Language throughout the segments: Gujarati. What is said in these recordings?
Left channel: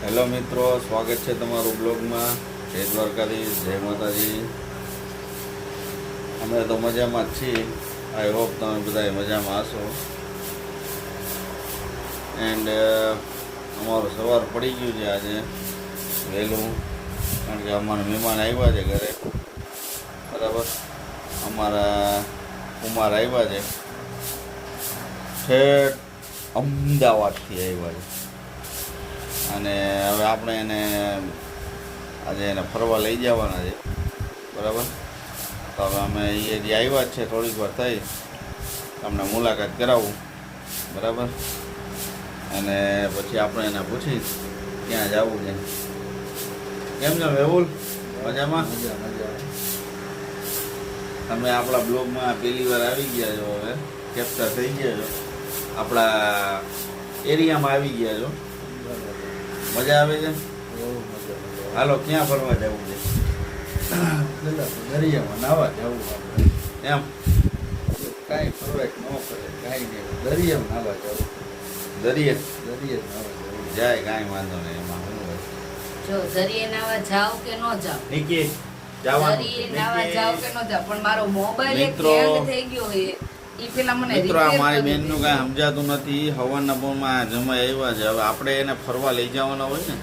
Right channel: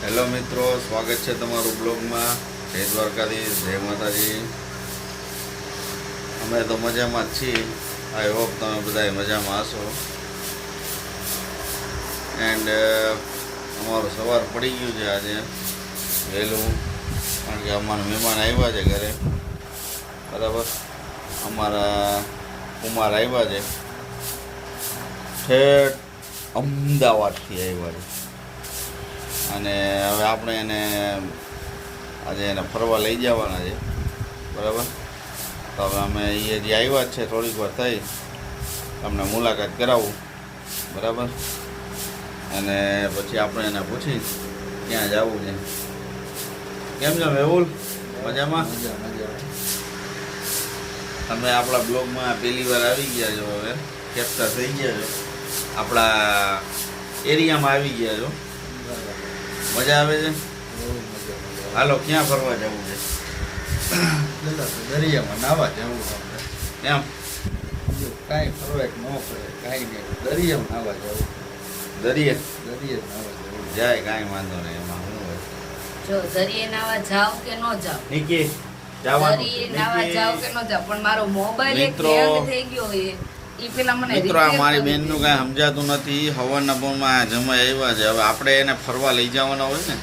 હેલો મિત્રો, સ્વાગત છે તમારું બ્લોગમાં. જય દ્વારકાધીશ, જય માતાજી. અમે તો મજામાં જ છીએ. આઈ હોપ તમે બધા મજામાં હશો. એન્ડ અમારું સવાર પડી ગયું છે આજે વહેલું, કારણ કે અમારા મહેમાન આવ્યા છે ઘરે. બરાબર, અમારા કુમાર આવ્યા છે, ઠેઠ અમદાવાદથી આવ્યા છે. અને હવે આપણે એને આજે એને ફરવા લઈ જવાના છે. બરાબર, તો હવે અમે એ જે આવ્યા જ છે થોડીક વાર થઈ તમને મુલાકાત કરાવું. બરાબર, અને પછી આપણે એને પૂછી ક્યાં જવું છે. કેમ છો મેહુલ? મજામાં? તમે આપણા બ્લોગમાં પહેલી વાર આવી ગયા છો, હવે કેપ્ચર થઈ ગયા છો, આપણા એરિયામાં આવી ગયા છો. મજા આવે છે? હાલો, ક્યાં ફરવા જવું છે? દરિયામાં નાવા જવું આપણે. એમ કાંઈ ફરવાય ન ફરે કાંઈ નહીં, દરિયામાં નાવા જવું. દરિયે નાવા જવું જાય, કાંઈ વાંધો નહીં. એમાં શું હોય? જો દરિયે નાવા જાવ કે ન જાવ, નિકી દરિયે નાવા જાવ કે ન જાવ, પણ મારો મોબાઈલ એક મિત્રો, હેંગ થઈ ગયો હોય એ પેલા મને મિત્રો, આ repair મારી કરી બેનનું કાંઈ સમજાતું નથી. હવાના પોરમાં જમાઈ આવ્યા છે. હવે આપણે એને ફરવા લઈ જવાના હોય ને,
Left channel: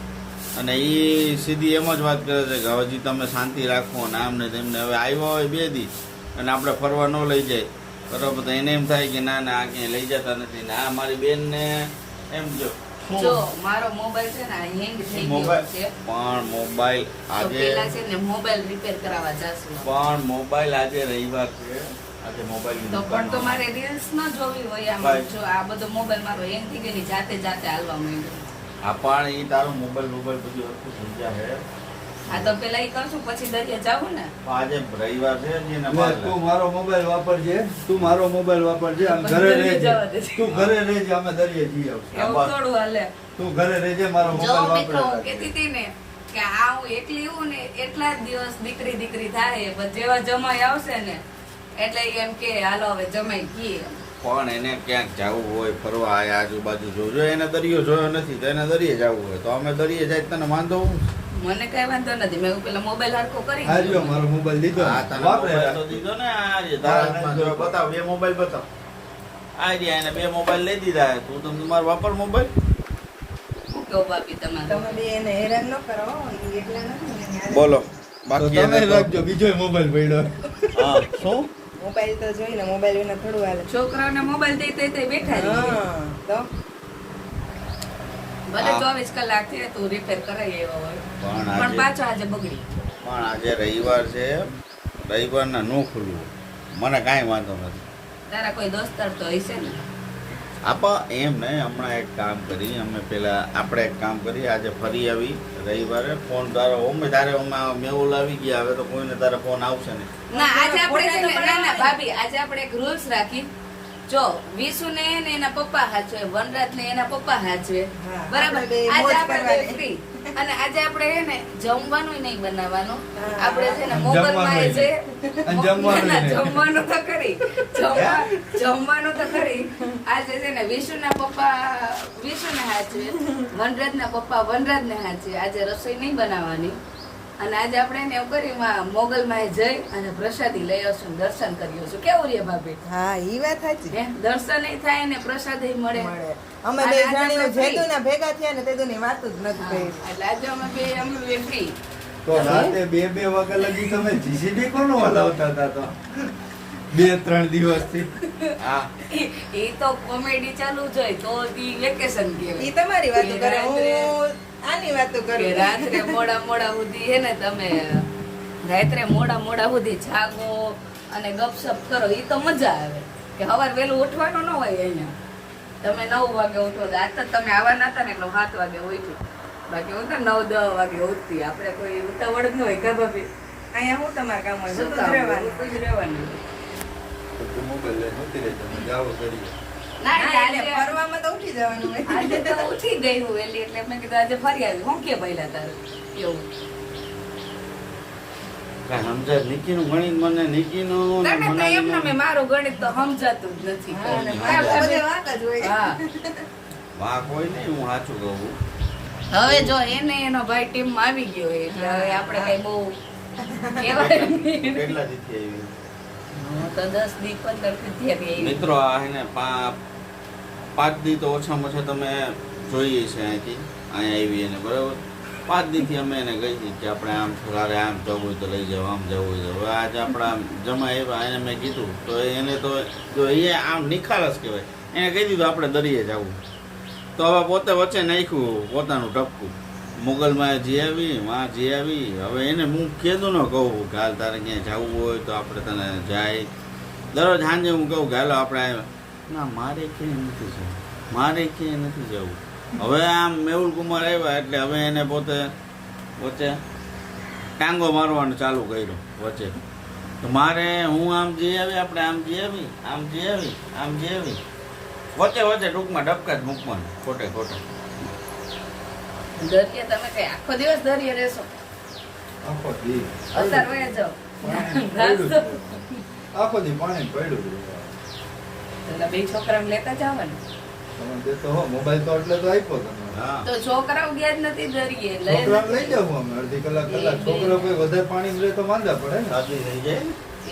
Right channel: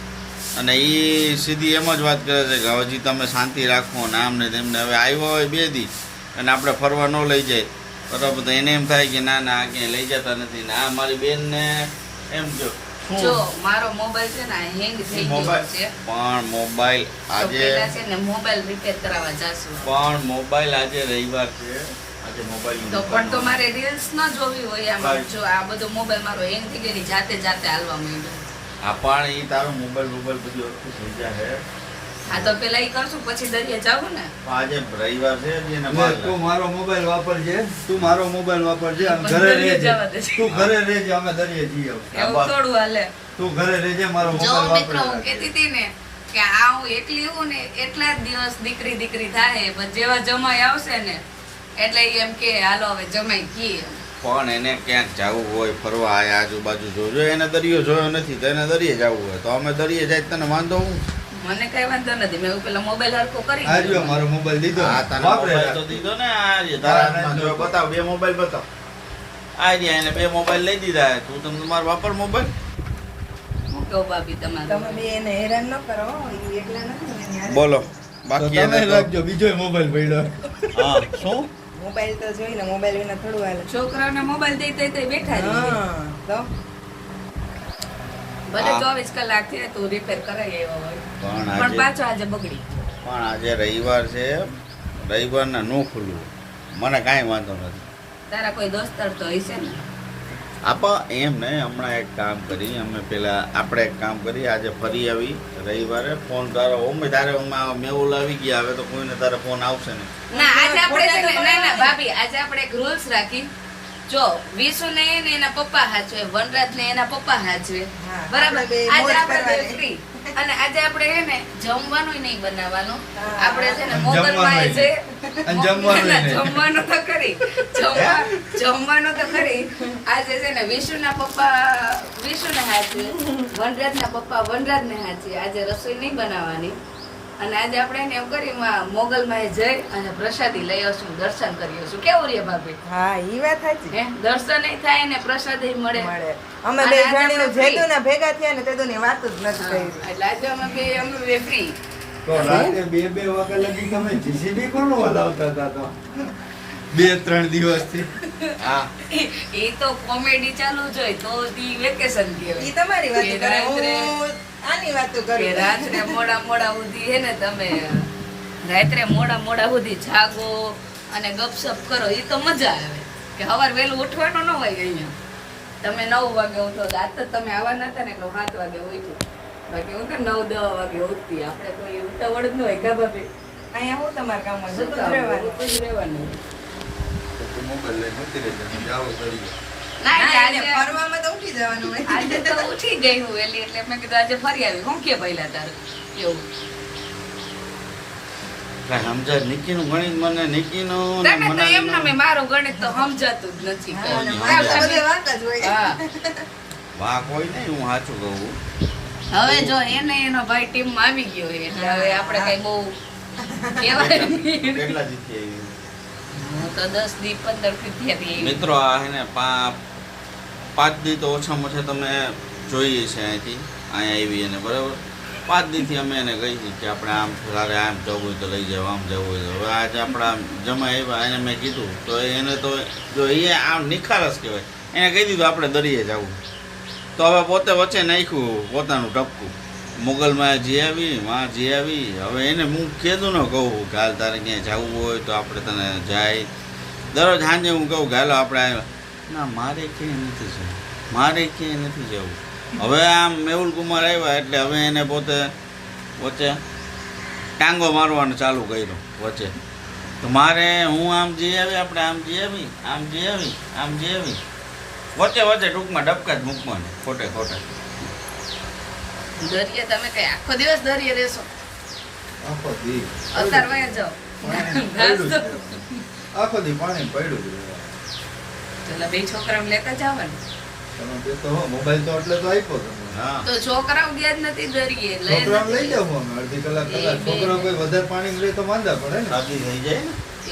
અને એ સીધી એમ જ વાત કરે છે કે હજી તમે શાંતિ રાખો ને આમ ને તેમને. હવે આવ્યા હોય 2 દી અને આપણે ફરવા ન લઈ જાય, બરાબર, તો એને એમ થાય કે ના ના આ ક્યાંય લઈ જતા નથી. ને આ મારી બેનને એમ જો જો મારો મોબાઈલ છે ને હેંગ થઈ ગયો છે, પણ મોબાઈલ તો આજે પેલા છે ને મોબાઈલ રિપેર કરાવવા જાશું. પણ મોબાઈલ આજે રવિવાર છે, આજે મોબાઈલ તો પણ તો મારે રીલ્સ ન જોવી હોય આમાં. જો આ બધો મોબાઈલ મારો હેંગ થઈ ગયો, જાતે હાલવા માંડ્યો. આ પણ એ તારો મોબાઈલ બધું વસ્તુ સમજ્યા છે. હા, તો પેલા એ કરશું પછી દરિયે જાવું ને. પણ આજે રવિવાર છે ને એના લે, બાર તું મારો મોબાઈલ વાપરજે, તું મારો મોબાઈલ વાપરજે, અને પણ ઘરે દરિયે રહેજે. જવા દેજે. તું ઘરે રહેજે, અમે દરિયે જઈ આવશું. એવું થોડું હાલે. તું ઘરે રહેજે, મારો જો મોબાઈલ મિત્રો, હું વાપરજે. કહેતી હતી ને કે આ હું એકલી હું ને એટલા જ દિવસ દીકરી થાય, પણ જેવા જમાઈ આવશે ને એટલે ઈ એમ કે હાલો હવે જમાઈ કીએ. પણ એને ક્યાંક જવું હોય ફરવા, આ આજુબાજુ જોજો. એને દરિયો જોયો નથી તો એને દરિયે જવું હોય તો અમે દરિયે જાય. તને વાંધો હું? મને કઈ વાંધો નથી, મેં પેલા મોબાઈલ હરખો કરી આ રહ્યો મારો મોબાઈલ દીધો, આ તને વાપરે. મોબાઈલ તો દીધો ને. આ જે તારા હાથમાં જો, બતાવ 2 મોબાઈલ બતાવ. આ જે એને 2 મોબાઈલ લઈ દીધા. તું તમારો વાપર મોબાઈલ. મૂકો બાપી તમારે. તમે બે એને હેરાન ન કરો, ઈ એકલા નથી ને ન્યારે. બોલો તો બાકી તમે એને તો રાખજો, બીજો મોબાઈલ પડ્યો. હા શું મોબાઈલ તો જોઈને મોબાઈલ વિના થોડું હાલે. છોકરાઓને મોબાઈલ દઈ દઈ બેઠા છે. હા, તો ભલે હા. 24 કલાક થયા તું રિપેર કરાવી આવ્યો હોય, પણ પણ આજે પાછો આજે બગડી. પણ આજે રવિવાર છે, રવિવારના નો ખુલવું મને કાંઈ વાંધો નથી. તારા કોઈ દોસ્તાર તો હશે ને. આપા એમ ને, હમણાં એક કામ કરી અમે પેલા આપણે એક કામ કરી આજે ફરી આવી રવિવારે. ફોન તારો ઓમે તારે મેહુલ આવી ગયા, હવે તો કોઈને તારે ફોન આવશે ને. ના, આજે આપણે છે ને, ફોટા તો ના ના બનાવવા ભાભી, આજે આપણે એક રૂલ્સ રાખી. જો વિશુ ને એને એના પપ્પા હાચવે, વનરાજ ને એના પપ્પા હાચવે, હા, બરાબર. આપણે બે આજે મોજ આપણે કરવાની. free. અને આજે આપણે હે ને જમવાનું નહીં બનાવવાનું. હા. આપણે છે ને અને મોગલમાં જમવાનું જે અને જમવાનું ના, નહીં. જમવાનું તો કરી, જમવાનું તો કરી. આજે છે ને વિશુના પપ્પા વિશુને હાચવે, વનરાજના પપ્પા વનરાજને હાચવે. આજે રસોઈ નહીં બનાવવાની. અને આજે આપણે એને એમ કરી મોગલમાં જઈ અને પ્રસાદી લઈ આવશું, દર્શન કરી આવશું. કેવું રે ભાભી? હા, ઈ વાત સાચી. હે, દર્શન થાય ને પ્રસાદી મળે. મળે. અમે અને બે આજે જાણીને આપણે free. જેદુના ભેગા થયા ને તેદુની વાત જ નથી હા, કરી. એટલે આજે અમે બે ફ્રી. તો રાતે 2 વાગ્યા લગી તમે જીસીબી કોનો હલાવતા હતા? તો 2-3 દિવસથી હા એ તો કોમેડી ચાલુ જ હોય તો ઈ વેકેશન ઈ કહેવાય. તમારી વાતો કે કરે, રાત્રે- હું આની વાતો કે કરું. રાત્રે મોડા સુધી હે ને તમે રાત્રે મોડા સુધી જાગો અને ગપસપ કરો, એ તો મજા આવે. કે સવાર વહેલું ઉઠવાનું ન હોય અહીંયા. તમે 9 વાગે ઉઠો, આજ તો તમે આવવાના હતા ને એટલે 7 વાગે ઉઠ્યું. બાકી હું તો 9-10 વાગે ઉઠતી. આપણે કોઈ ઉતાવળ જ ન હોય કા ભાભી? અહીંયા હું તમારા કામમાં શું જતું જ કામ? રહેવાનું. ઉઠતું જ રહેવાનું. તો મોબાઈલ લઈને જતી રહેજે, અમે જાઓ દરિયે. ના, ના, એને આજે- ફરવામાં તો ઉઠી જવાનું હોય. આજે તો ઉઠી ગઈ હું વહેલી, એટલે મેં કીધું આજે ફરી આવી. હું કે પહેલા તારું એવું કાંઈ સમજાય નિકીનું ગણિત મને નિકીનું ને તને તો એમ મનાલીનું. ને મારું ગણિત તો સમજાતું જ નથી. હા, અને કોઈ મારે તો તમે- બધે વાંક જ હોય. હા. વાહ કોઈ નહીં, હું સાચું કહું. હવે જો એને એનો ભાઈ ટીમમાં આવી ગયો છે, એટલે હવે આપણે કઈ બહુ કહેવાય નહીં. કેટલા જીતી આવી? હું તો 10 દી 15 થી થયા મિત્રો આ હે ને 5 દી તો ઓછામાં ઓછા તમે જોઈએ છે અહીંથી અહીંયા આવી એને બરાબર 5 દીથી અમે એને કહી હતી કે આપણે આમ સારે આમ જવું હોય તો લઈ જાવ આમ જવું હોય તો હવે આજે આપણા જમા આવ્યા એને મેં કીધું તો એને તો જો એ આમ નિખારસ કહેવાય એને કહી દીધું આપણે દરિયે જવું તો હવે પોતે વચ્ચે નાખ્યું પોતાનું ટપકું મુગલમાં જી આવી માં જી આવી હવે એને હું કીધું ન કહું કે હાલ તારે ક્યાંય જવું હોય તો આપણે તને જાય દરરોજ સાંજે હું કહું કે હાલો આપણે ના મારે ક્યાંય નથી જવું મારે ક્યાંય નથી જવું હવે આમ મેહુલ કુમાર આવ્યા એટલે હવે એને પોતે વચ્ચે ટાંગો મારવાનું ચાલુ કર્યું વચ્ચે તો મારે હું આમ જઈ આવી આપણે આમ જઈ આવી આમ જઈ આવી આમ જઈ આવી વચ્ચે વચ્ચે ટૂંકમાં ડબકા જ મૂકવાનું ખોટે ખોટા દરિયે તમે કઈ આખો દિવસ દરિયે રહેશો? આખો દી અત્યારે વયા જાઓ. પાણી પડ્યું છે. આખો દી પાણી પડ્યું છે. પેલા બે છોકરાને લેતા જાવ ને. તમે બે તો હો, મોબાઈલ તો એટલે તો આપ્યો તમે. હા તો છોકરાઓ ગયા જ નથી દરિયે, લઈ છોકરાને લઈ જાવ અમે અડધી કલાક કલાક છોકરો કોઈ વધારે પાણી લે તો માંદા પડે ને શરદી થઈ જાય ને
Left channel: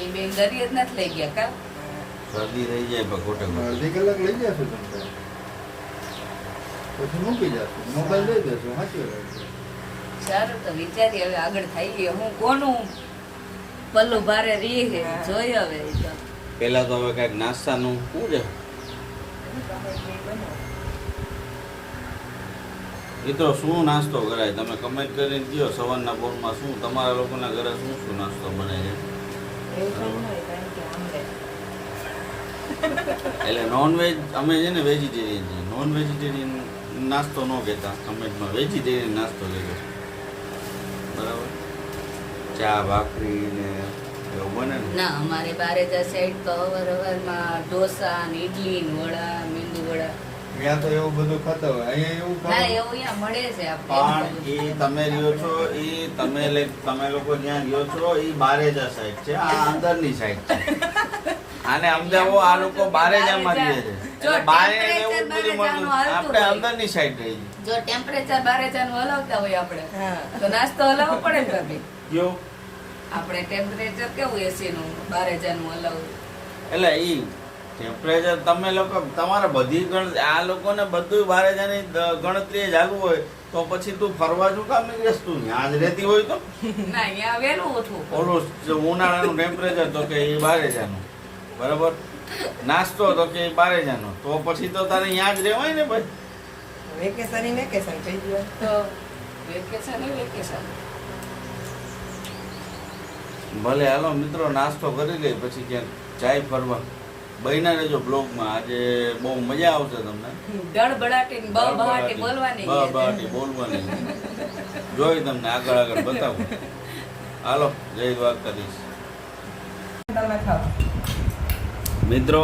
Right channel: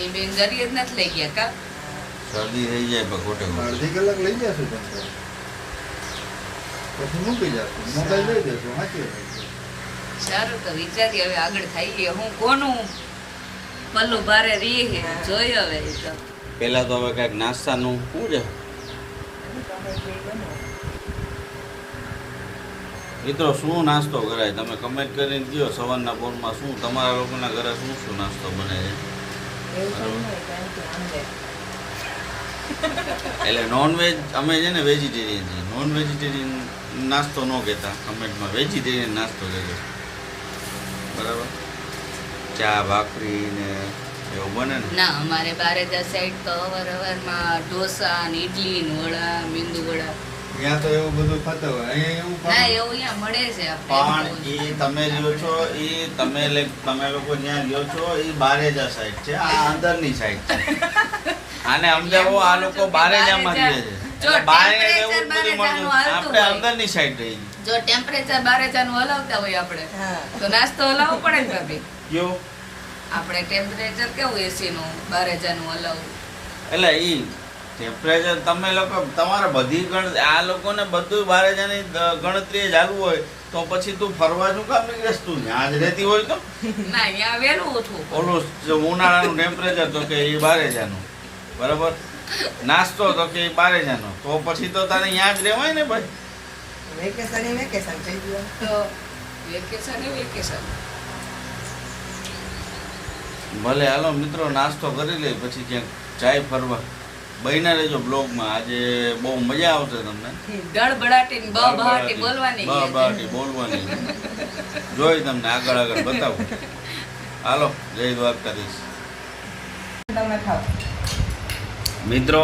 એ બેન દરિયે જ નથી લઈ ગયા કા? શરદી થઈ જાય પણ ખોટે ખોટે અડધી કલાક લઈ જશું તમે તો. પછી મૂકી જશું મોબાઈલ લઈ જશું સાચી વાત છે. સારું તો વિચારી હવે આગળ થઈ ગયો હું કોનું પલ્લું ભારે રહી છે જોઈ હવે એ તો. પેલા તો હવે કઈક નાસ્તાનું શું છે મિત્રો શું નાસ્તો કરાય તમે કમેન્ટ કરીને કહો સવારના પોરમાં શું તમારા લોકોના ઘરે શું શું નાસ્તો બને છે એટલે નોનવેજ અમે છે ને વેજીટેરિયન છીએ નોન વેજીટેરિયન નાસ્તો ન કહેતા કમેન્ટમાં વેજીટેરિયન નાસ્તો કહેજો બરાબર ચા ભાખરી ને એવું બને ને ના અમારે બારેજા સાઈડ તો અવારમાં ઢોસા ને ઈડલી ને વડા મેંદુ વડા ત્યાં તો એવું બધું ખાતા હોય અહીંયા એવું ના ખાવાનું. એવું અહીંયા મળે છે પણ એ તમે રહ્યો છો એ તમે લોકો જ્યાં રહ્યો છો એ બારેજા સાઈડ છે આ અંદરની સાઈડ છે આને સમજાવો આ લોકો બારેજામાં રહે છે જો એટલે બારે temperature એવું બધું બારેજાનું મળતું. હાલતું આપણે હોય. અંદરની સાઈડ રહી જો ટેમ્પરેચર બારેજાનું હલાવતા હોય આપણે હા. તો નાસ્તો હલાવવો પડે ને ભાભી ગયો આપણે ટેમ્પરેચર કેવું એસી નું બારેજાનું હલાવવું એટલે ઈ ટેમ્પરેચર તમે લોકો તમારે બધી આ લોકોને બધું બારેજાની ગણતરી ચાલુ હોય તો પછી તું ફરવા શું કામ નીકળેશ તું ત્યાં જ રહેતી હોય તો ના અહીંયા વહેલું ઓછું ઓલું જે ઉનાળાનું ટેમ્પરેચર તો કે એ બારેજાનું બરાબર નાસ્તો તો કે એ બારેજાનો તો પછી તો તારે ત્યાં જ રહેવાય ને ભાઈ વેકેશન ઈ વેકેશન થઈ ગયું. તો વેકેશન એ વેકેશન ભલે હાલો મિત્રો નાસ્તો કરી લઈ પછી ક્યાંક જાય ફરવા બહીના રહેજો બ્લોગમાં આજે બહુ મજા આવશે તમને ગડબડાટી ને બહાટી બોલવાની બહાટી બોલવાની જોઈ તમને આગળ આગળ બતાવું હાલો જય દ્વારકાધીશ તમે ખાઓ. મિત્રો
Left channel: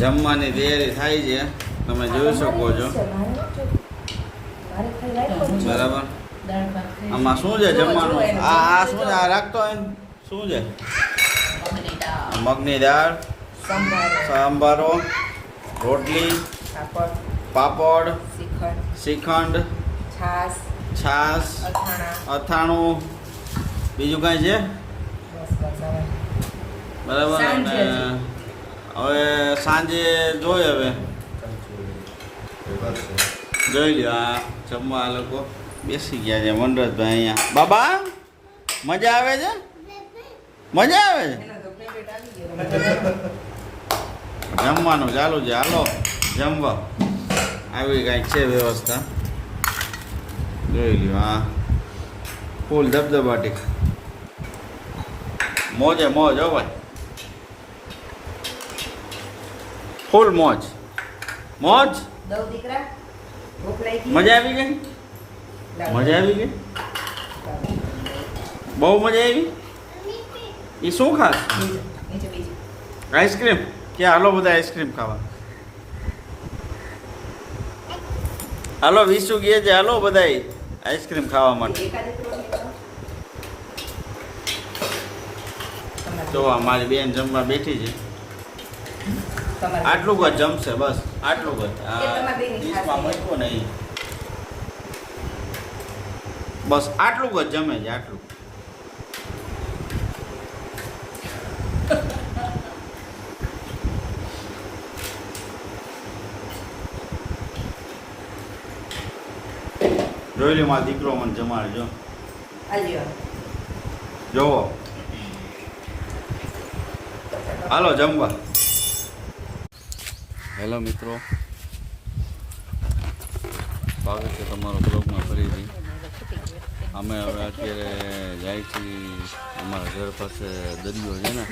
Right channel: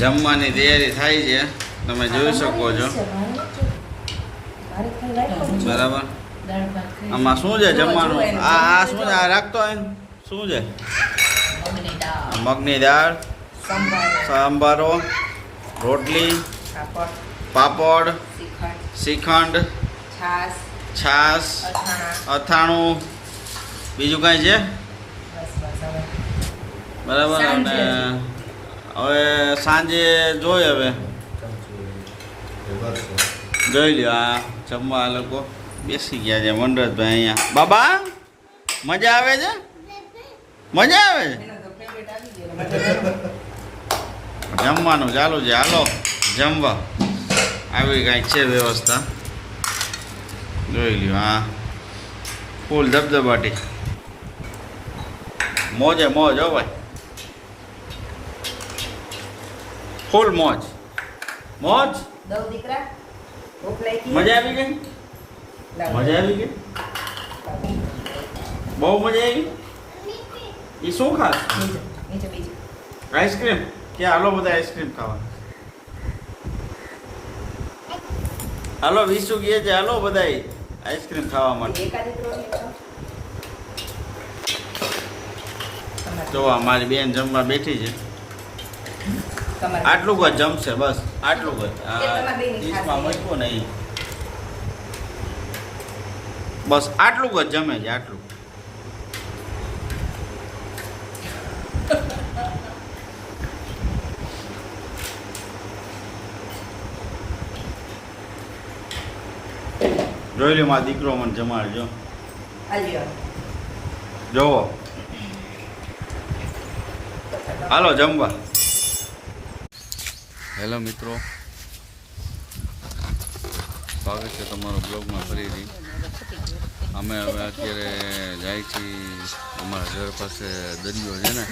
જમવાની તૈયારી થાય છે તમે જોઈ શકો છો બરાબર આમાં શું છે જમવાનું આ શું છે આ રાખતો હોય ને? શું છે મગની દાળ, મગની દાળ સંભારો, સાંભારો રોટલી પાપડ, પાપડ શ્રીખંડ, શ્રીખંડ છાશ, છાશ અથાણા, અથાણું બીજું કાંઈ છે બસ હવે. બરાબર અને હવે સાંજે જોઈ હવે જોઈ લ્યો આ જમવા આ લોકો બેસી ગયા છે વનરાજભાઈ અહીંયા બાબા મજા આવે છે મજા આવે છે એનો તો favorite આવી ગયો. જમવાનું ચાલુ છે હાલો જમવા આવી કાંઈક છે વ્યવસ્થા જોઈ લ્યો હા ફૂલ ધબધબાટી મોજે મોજ હો ભાઈ ફૂલ મોજ મોજ દઉં દીકરા ભૂખ લાગી? મજા આવી ગઈ લાવ. મજા આવી ગઈ બહુ મજા આવી એ શું ખાસ બીજું, બીજું. આઈસ્ક્રીમ કે હાલો બધા આઈસ્ક્રીમ ખાવા હાલો વિસુ ગયા છે હાલો બધા આઈસ્ક્રીમ ખાવા માટે એકાદી ત્રણ તો અમારી બેન જમવા બેઠી છે તમારે આટલું જ જમશે બસ આટલું જ એ તમારે બેની ડીશમાં મૂક્યું નહીં બસ આટલું જ જમે છે આટલું. જોઈ લે મારો દીકરો મને જમાડજો. હાલી આવો. જોવો હાલો જમવા. હેલો મિત્રો, સ્વાગત છે તમારો બ્લોગમાં ફરીથી. અમે હવે અત્યારે જાય છીએ અમારા ઘર પાસે દરિયો છે ને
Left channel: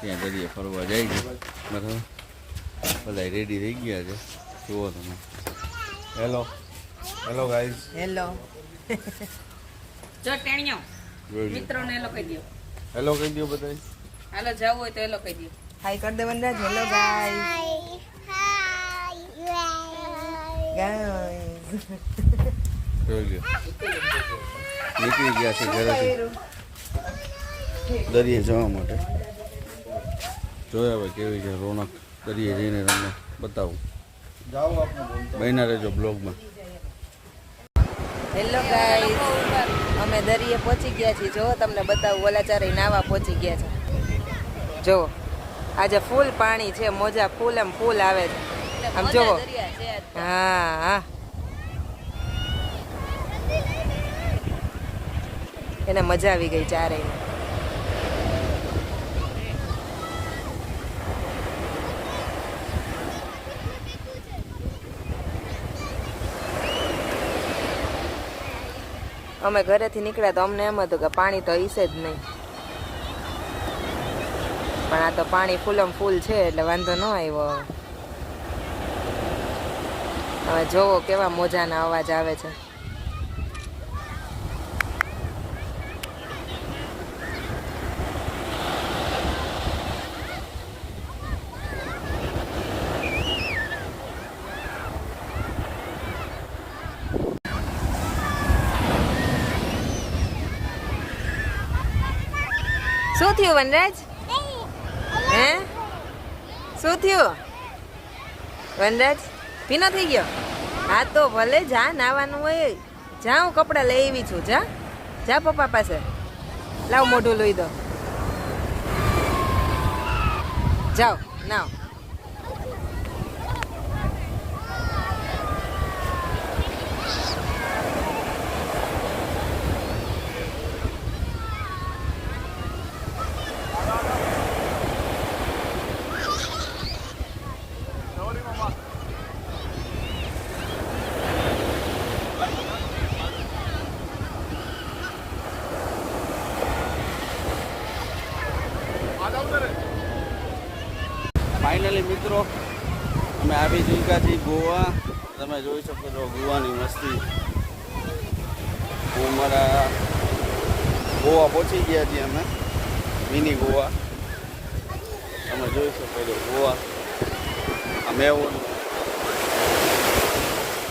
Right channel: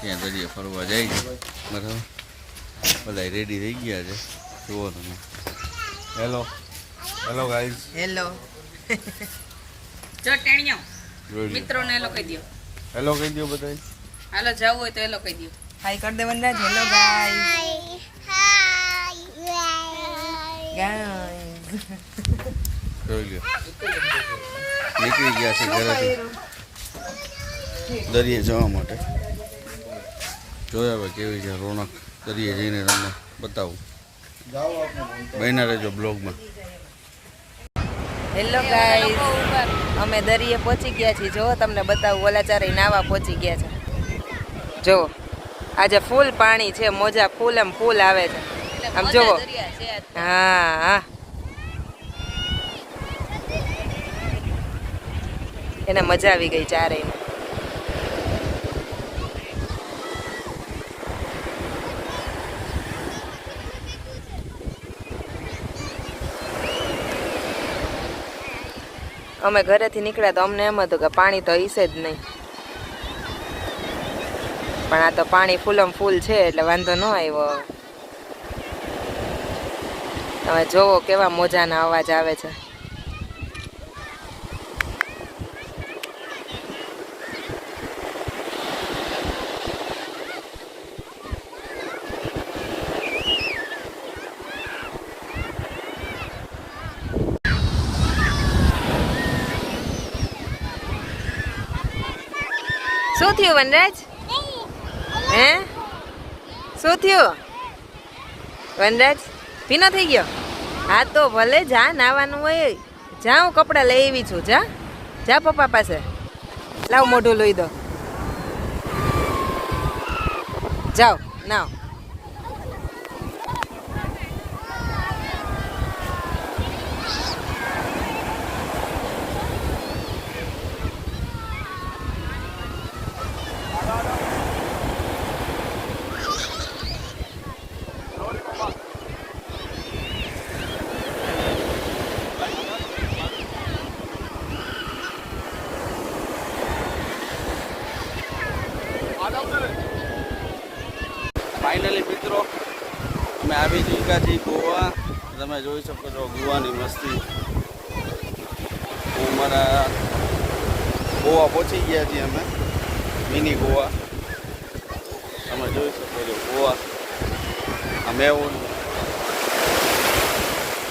ત્યાં દરિયે ફરવા જાય છે. બરાબર, બધા રેડી થઈ ગયા છે. જુઓ તમે. Hello hello guys. હેલો. જો ટેણિયો મિત્રોને હેલો કહી દો. હેલો કહી દો બધા. હાલો જવું હોય તો હેલો કહી દો. હાય કર દે વનરાજ. Hello guys. જોઈ લ્યો નીકળી ગયા છે ઘરેથી દરિયે જવા માટે. જોયા હવે કેવી છે રોનક. દરિયે જઈને તમને બતાવું. બન્યા રહેજો બ્લોગમાં. Hello guys. અમે દરિયે પહોંચી ગયા છીએ. જો તમને બતાવું, ઓલા ચારે નાવા પહોંચી ગયા છે. જો આજે ફૂલ પાણી છે, મોજા ફૂલ એમ ફૂલ આવે છે. આમ જોવો. હા હા, એને મજા આવી ગઈ ચારેયને. અમે ઘરેથી નીકળ્યા તો અમને એમ હતું કે પાણી તો હશે જ નહીં, પણ આ તો પાણી ફૂલમ ફૂલ છે એટલે વાંધો ન આવ્યો. હવે જોવો કેવા મોજાના અવાજ આવે છે. શું થયું વનરાજ? હે શું થયું વનરાજ? ભીનો થઈ ગયો? હા તો ભલે જા, નાવાનું હોય જા. હું કપડાં લઈ આવી છું. જા જા પપ્પા પાસે. લાવ મોઢું લોહી દો. જાઓ નાવ. ફાઇનલી મિત્રો અમે આવી ચૂક્યા છીએ ગોવા. તમે જોઈ શકો છો ગોવાની મસ્તી. હું મારા ગોવા પહોંચી ગયા છીએ અમે, મિની ગોવા. તમે જોઈ શકો છો ગોવા. આ મેવું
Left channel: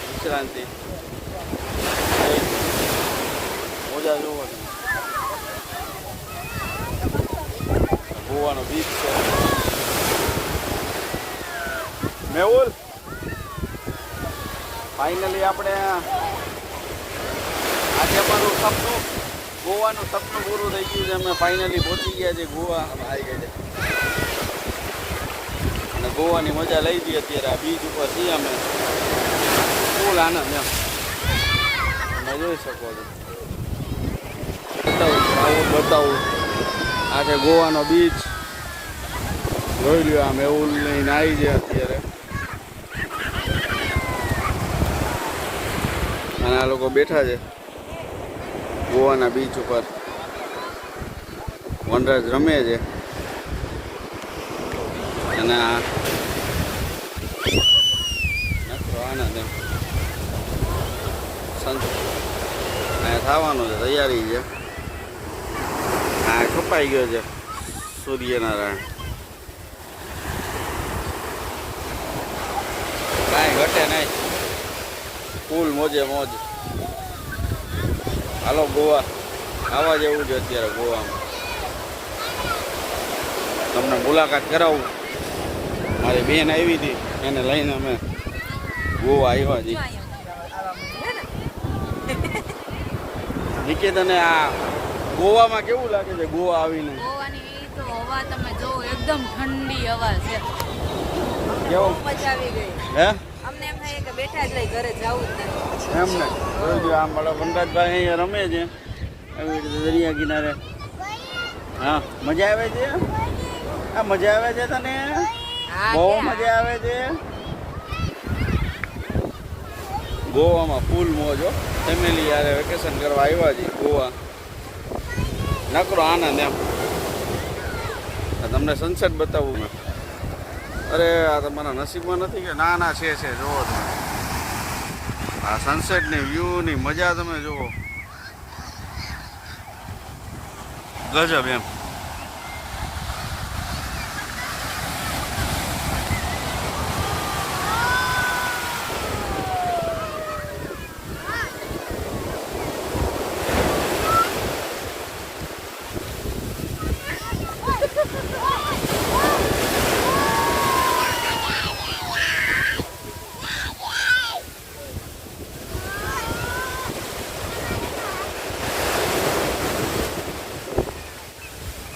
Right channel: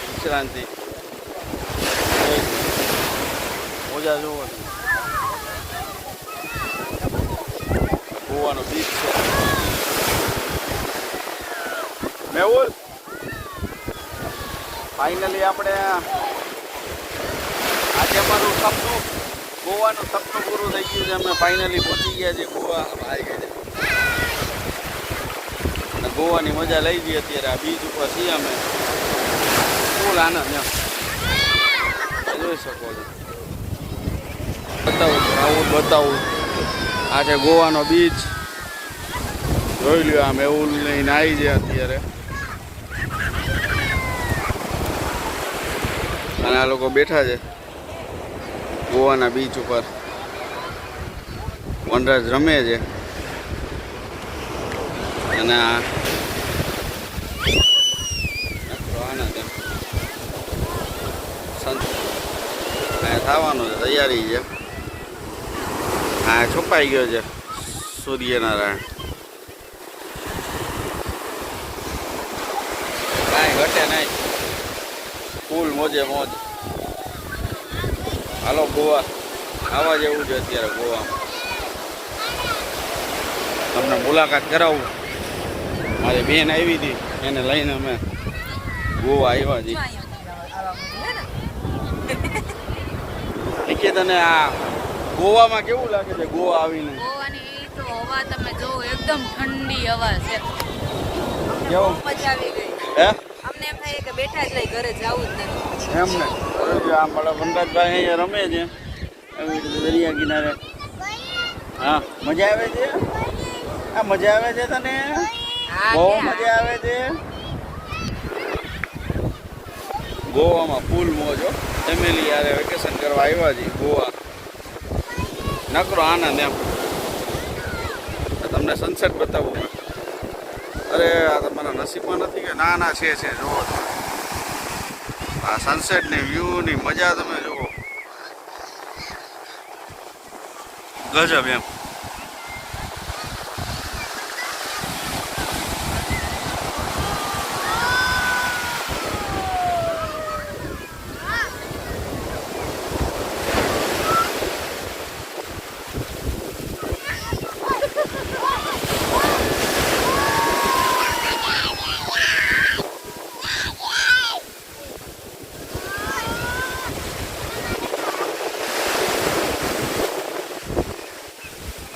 વિશ્રાંતિ મોજા જોવાની. ગોવાનો બીચ છે મેહુલ. ફાઇનલી આપણે આજે અમારું સપનું, ગોવાનું સપનું પૂરું થઈ ગયું છે. અમે ફાઇનલી પહોંચી ગયા છીએ ગોવા. આવી ગઈ છે અને ગોવાની મજા લઈ જઈએ અત્યારે. આ બીચ ઉપર છીએ અમે. ફૂલ આનંદ એમ તમે જોઈ શકો છો. બતાવું આ છે ગોવાનો બીચ. જોઈ લ્યો. આ મેહુલ લઈને આવી છે અત્યારે અને આ લોકો બેઠા છે ગોવાના બીચ ઉપર. વનરાજ રમે છે અને આ આનંદ એમ અહીંયા થવાનું છે. તૈયારી છે. આ છુપાઈ ગયો છે સૂર્યનારાયણ. કાંઈ ઘટે નહીં, ફૂલ મોજે મોજ. હાલો ગોવા આવા જેવું છે અત્યારે ગોવામાં. તમને મુલાકાત કરાવું. મારી બેન આવી હતી, એને લઈને અમે ગોવા આવ્યા છીએ. નિકેતને આ ગોવામાં કેવું લાગે છે ગોવા આવીને? ગોવાની તો હવા તમે જો એકદમ ઠંડી હવા છે. અમને બહુ કેવું? મજા આવી ગઈ. હે અમને એમ થાય કે બેઠા જ રહી, ઘરે જવું જ નથી. એમ ને જો આ મારા વનરાજભાઈ અહીંયા રમે છે એવી રીતે દરિયા કિનારે. હા મજા આવે છે? આ મજા આવે છે તને? બહુ મજા આવે છે. ગોવામાં ફૂલ મોજ હો. ફેમિલી યારે વેકેશન કરવા આવ્યા છીએ ગોવા. નકરો આનંદ એમ. તમને સનસેટ બતાવું મેં. અરે આ તમારા નસીબમાં નથી કે? ના ના છે જુઓ તમે. આ સનસેટની વ્યૂની મજા તમે જુઓ. ગજબ એમ.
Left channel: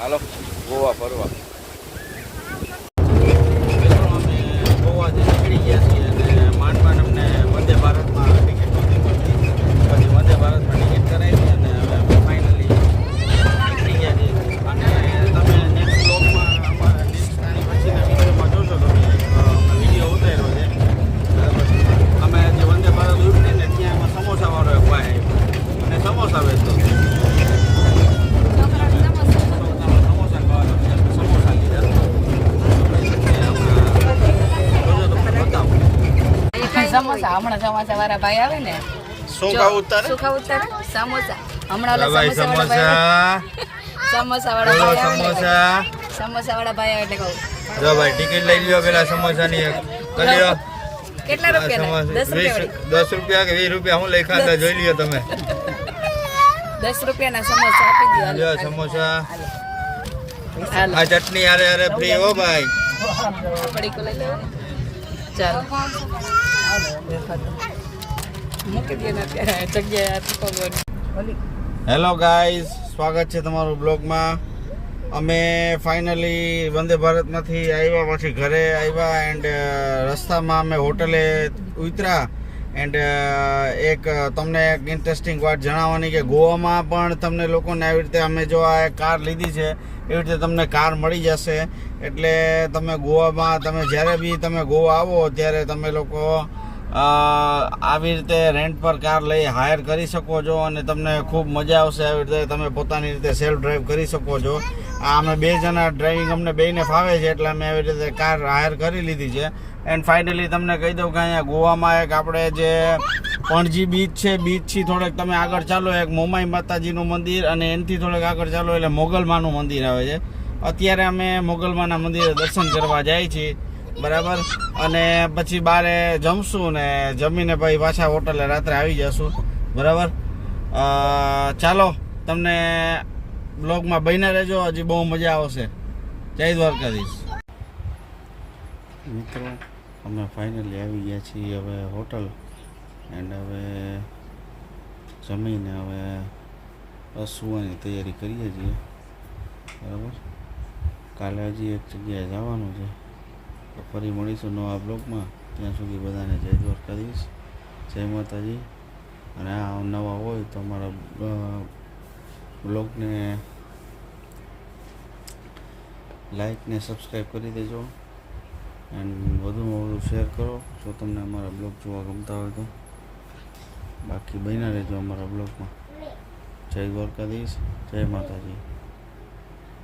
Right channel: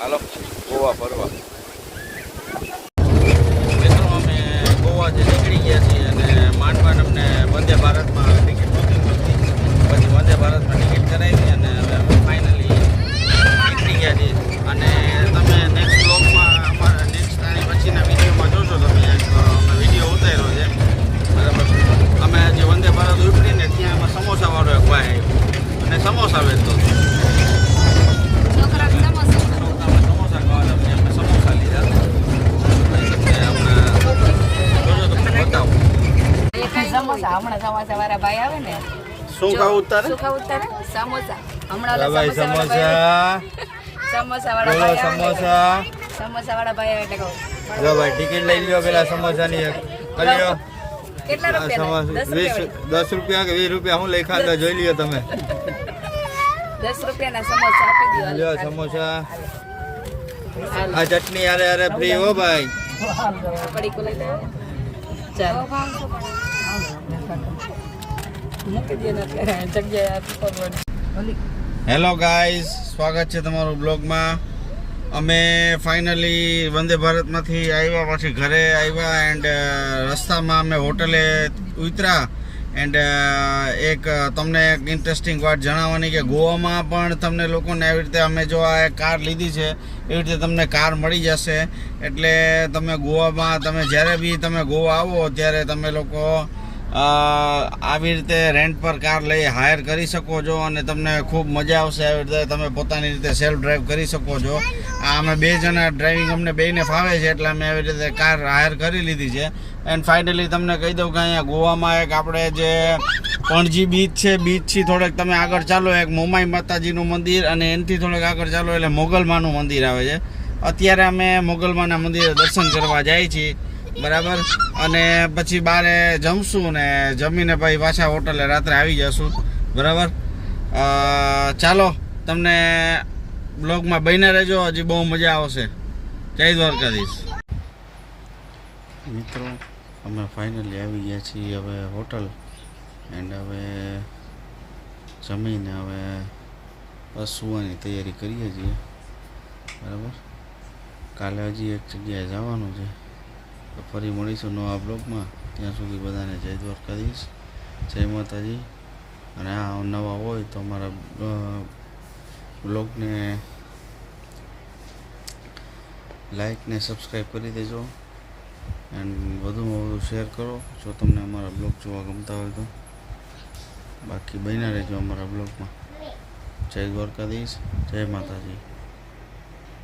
હાલો ગોવા ફરવા. મિત્રો અમે ગોવા જે નીકળી ગયા છીએ અને માંડ અમને વંદે ભારતમાં ટિકિટ નહોતી મળતી. પછી વંદે ભારતમાં ટિકિટ કરાવી અને ફાઇનલી નીકળી ગયા છીએ. અને તમે નેક્સ્ટ બ્લોગમાં અમારા નેક્સ્ટ આની પછીના વિડીયોમાં જોશો તમે અમે વિડીયો ઉતાર્યો છે બરાબર. અમે જે વંદે ભારત ઉપડીને ત્યાં એમાં સમોસાવાળો એક ભાઈ આવ્યો અને સમોસા વેચતો હતો. છોકરાને સમોસા સમોસા ખાવાના પછી અમે સમોસા લીધા. પછી તમને હમણાં જોજો તમને બતાવું સમોસા હમણાં સમોસા વાળા ભાઈ આવે ને. શું ખાવું તારે? શું ખાવું તારે? સમોસા. હમણાં ઓલા ભાઈ સમોસા સમોસા વાળા બોલો ભાઈ આવે. સમોસા. સમોસા વાળા ભાઈ આવે એટલે કહું. જો ભાઈ ટિકિટ લઈ લ્યો પેલા સમોસાની એક. કરી લ્યો. કેટલા રૂપિયા? 10 રૂપિયા. 10 રૂપિયા કે 20 રૂપિયા હું લઈ ખાતા જોઈ લ્યો તમે. 10 રૂપિયાના સમોસા આપી દો. લ્યો સમોસા. હાલ. આ ચટણી અરે અરે ફ્રી હો ભાઈ. પડીકો લઈ લે. ચાલ. મૂકી દે ને અત્યારે જગ્યાએ પકડવાની. હેલો ગાઈઝ, સ્વાગત છે તમારું બ્લોગમાં. અમે ફાઇનલી વંદે ભારતમાંથી આવ્યા, પછી ઘરે આવ્યા એન્ડ રસ્તામાં અમે હોટલે ઉતર્યા. એન્ડ એક તમને એક ઇન્ટરેસ્ટિંગ વાત જણાવવાની કે ગોવામાં પણ તમને લોકોને આવી રીતે અમે જો આ કાર લીધી છે એવી રીતે તમને કાર મળી જશે. એટલે તમે ગોવામાં તમે જ્યારે બી તમે ગોવા આવો ત્યારે તમે લોકો આવી રીતે રેન્ટ પર કાર લઈ હાયર કરી શકો છો અને તમને ખૂબ મજા આવશે. આવી રીતે તમે પોતાની રીતે સેલ્ફ ડ્રાઈવ કરી શકો છો. અમે 2 જણા ડ્રાઇવિંગ અમને બેયને ફાવે છે એટલે અમે આવી રીતે કાર હાયર કરી લીધી છે. એન્ડ ફાઇનલી તમને કહી દઉં કે અહીંયા ગોવામાં એક આપણે જે પણજી બીચ છે, બીચથી થોડેક તમે આગળ ચાલો એક મોમાઈ માતાજીનું મંદિર અને એનાથી થોડેક આગળ ચાલો એટલે મોગલમાનું મંદિર આવે છે. અત્યારે અમે મોગલમાના મંદિરે દર્શન કરવા જાય છીએ બરાબર. અને પછી બારે જમશું ને જમીને પછી પાછા હોટલે રાત્રે આવી જશું બરાબર. ચાલો તમને બ્લોગમાં બન્યા રહેજો, હજી બહુ મજા આવશે. જય દ્વારકાધીશ. મિત્રો અમે ફાઇનલી આવી ગયા છીએ હવે હોટલ એન્ડ હવે જમીને હવે બસ સુવાની તૈયારી કરીએ છીએ બરાબર. કાલે હજી એક જગ્યાએ જવાનું છે તો ફરી મળીશું નવા બ્લોગમાં. ત્યાં સુધી બધાને જય દ્વારકાધીશ, જય માતાજી. અને આ નવા હોય તો અમારા બ્લોગને લાઈક ને સબસ્ક્રાઈબ કરી દેજો એન્ડ વધુમાં વધુ શેર કરો જો તમને અમારા બ્લોગ જોવા ગમતા હોય તો. બાકી બન્યા રહેજો અમારા બ્લોગમાં. જય દ્વારકાધીશ, જય માતાજી.